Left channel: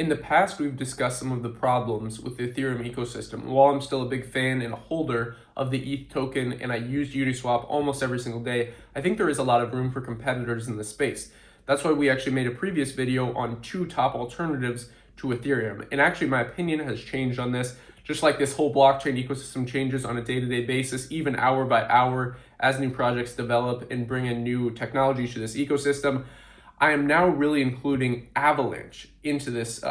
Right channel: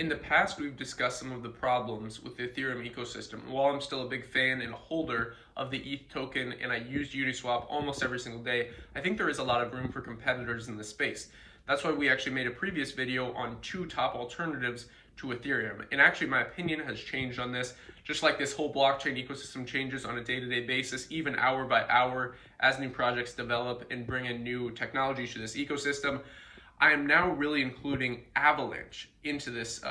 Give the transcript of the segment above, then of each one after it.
In the past, we've discussed some of the problems with the Ethereum ecosystem. While I'm still a big fan and a holder of the ETH token and I use Uniswap almost every single day, I think there is a lot of room for competitors in the space. That's why we actually made a previous video on two top alternatives to Ethereum. And actually, my opinion has changed on this, just like this whole blockchain ecosystem changes on a day-to-day basis, even hour by hour, as new projects develop and bring in new technologies to this ecosystem. I am now really including Avalanche into these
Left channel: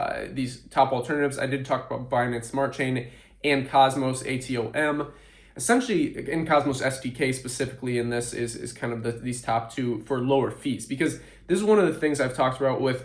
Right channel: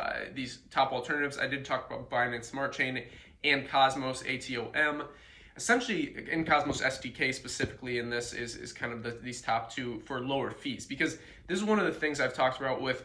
top alternatives. I did talk about Binance Smart Chain and Cosmos ATOM. Essentially, in Cosmos SDK specifically, in this is kind of these top two for lower fees, because this is one of the things I've talked about with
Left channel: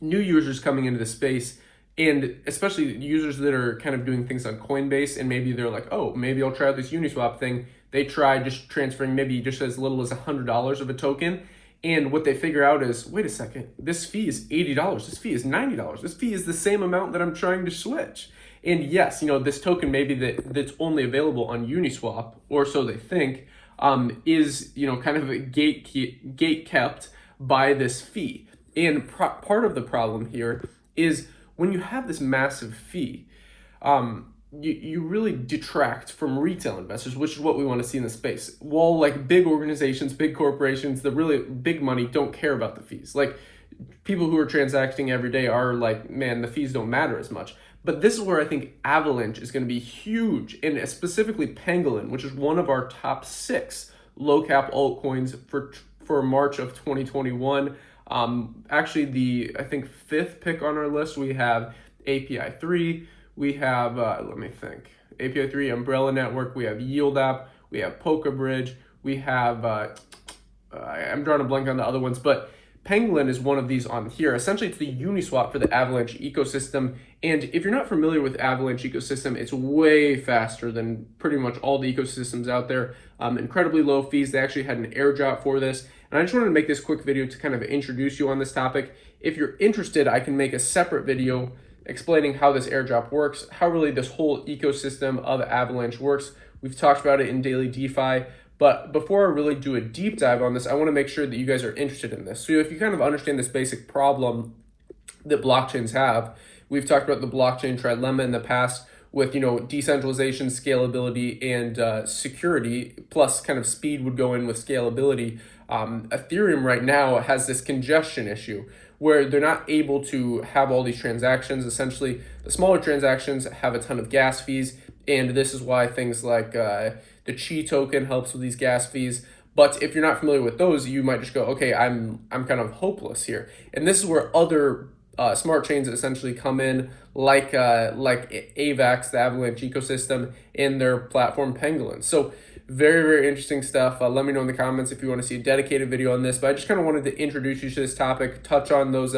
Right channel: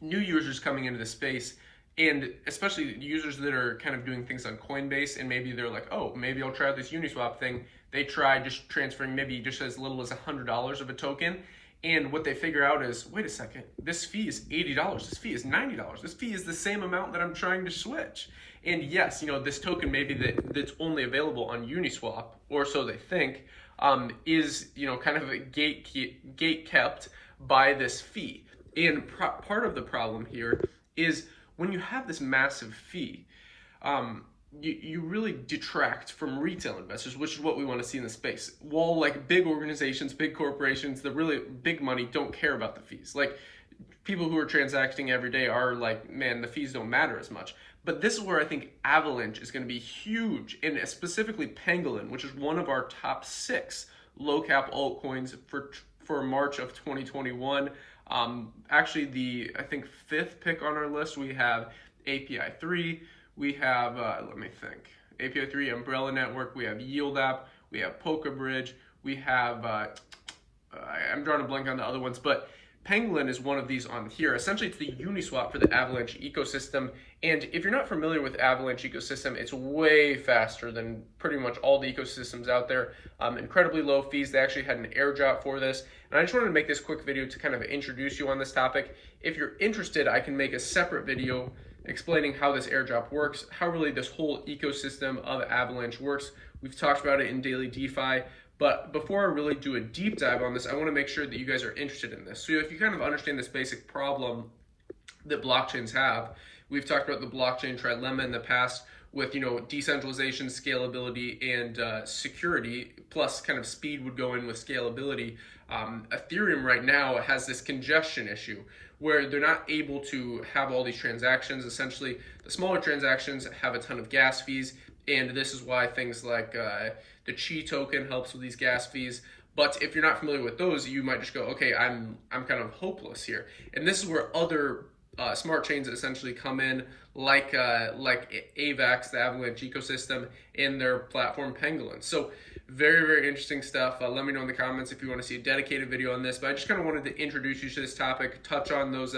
new users coming into the space, and especially users that are kind of doing things on Coinbase, and maybe they're like, oh, maybe I'll try this Uniswap thing. They try just transferring maybe just as little as $100 of a token. And what they figure out is, wait a second, this fee is $80, this fee is $90, this fee is the same amount that I'm trying to switch. And yes, this token maybe that's only available on Uniswap, or so they think, is kind of gate kept by this fee. And part of the problem here is when you have this massive fee, you really detract from retail investors, which is what we want to see in the space. While like big organizations, big corporations, the really big money don't care about the fees. Like people who are transacting every day are like, man, the fees don't matter as much. But this is where I think Avalanche is going to be huge, and specifically Pangolin, which is one of our top 6 low cap altcoins for March of 2021. Actually, I think 5th pick on our list, we have API 3. We have, let me think, API 3, Umbrella Network, we have Yield App, we have Polka Bridge, we have, I'm drawing a blank on the other ones, but Pangolin is one of these on here. Essentially, it's the Uniswap for the Avalanche ecosystem. And if you're not familiar with Avalanche ecosystem, it's way faster than pretty much all the ecosystems out there. Incredibly low fees. They actually had an airdrop for this. And I just wanted to make this quick video to kind of introduce you on this topic. If you're interested, I can make a separate video explaining how this airdrop works, how really this whole ecosystem of Avalanche works. We've talked about it in Daily DeFi, but before I really do a deep dive on this, I want to make sure that you guys are interested in this. So if you kind of understand this basic problem that blockchains have, we've talked about the blockchain trilemma in the past with, decentralization, scalability, and security, plus kind of speed would go in with scalability. Ethereum right now has this congestion issue where they're not able to have all these transactions. Essentially, the smaller transactions have a ton of gas fees, and this is why things like the Chi token helps with these gas fees. But if you're not familiar with those, you might just go, okay, I'm kind of hopeless here. And this is where other smart chains essentially come in, like AVAX, the Avalanche Ecosystem, and their platform Pangolin. So very, very interesting stuff. Let me know in the comments if you want to see a dedicated video on this. But I just kind of wanted to introduce you to this topic, touch on those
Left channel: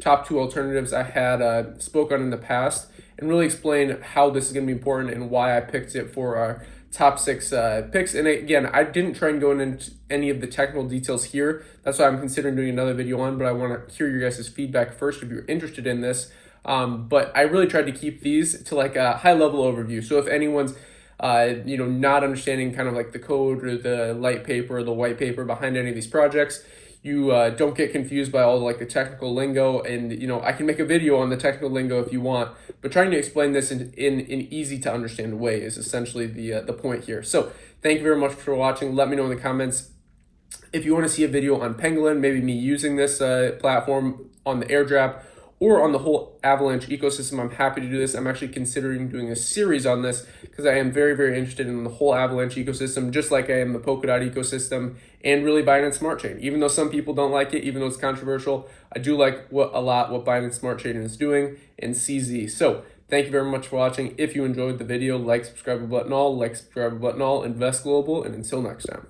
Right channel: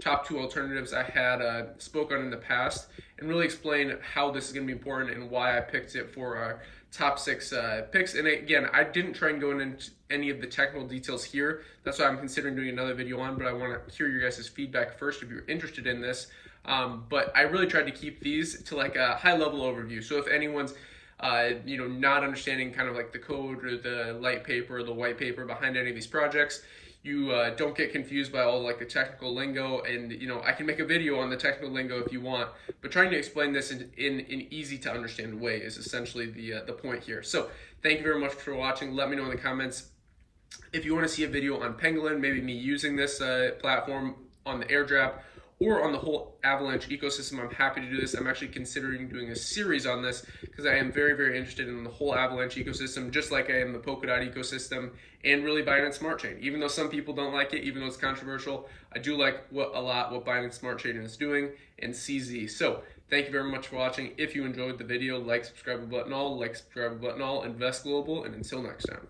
top 2 alternatives I had spoke on in the past, and really explain how this is going to be important and why I picked it for our top 6 picks. And again, I didn't try and go into any of the technical details here. That's why I'm considering doing another video on, but I want to hear your guys' feedback first if you're interested in this. But I really tried to keep these to like a high level overview. So if anyone's not understanding kind of like the code or the light paper or the white paper behind any of these projects, you don't get confused by all like the technical lingo. And I can make a video on the technical lingo if you want, but trying to explain this in an easy to understand way is essentially the point here. So thank you very much for watching. Let me know in the comments if you want to see a video on Pangolin, maybe me using this platform on the airdrop, or on the whole Avalanche ecosystem. I'm happy to do this. I'm actually considering doing a series on this because I am very, very interested in the whole Avalanche ecosystem, just like I am the Polkadot ecosystem and really Binance Smart Chain. Even though some people don't like it, even though it's controversial, I do like what Binance Smart Chain is doing and CZ. So thank you very much for watching. If you enjoyed the video, like, subscribe button all, invest global, and until next time.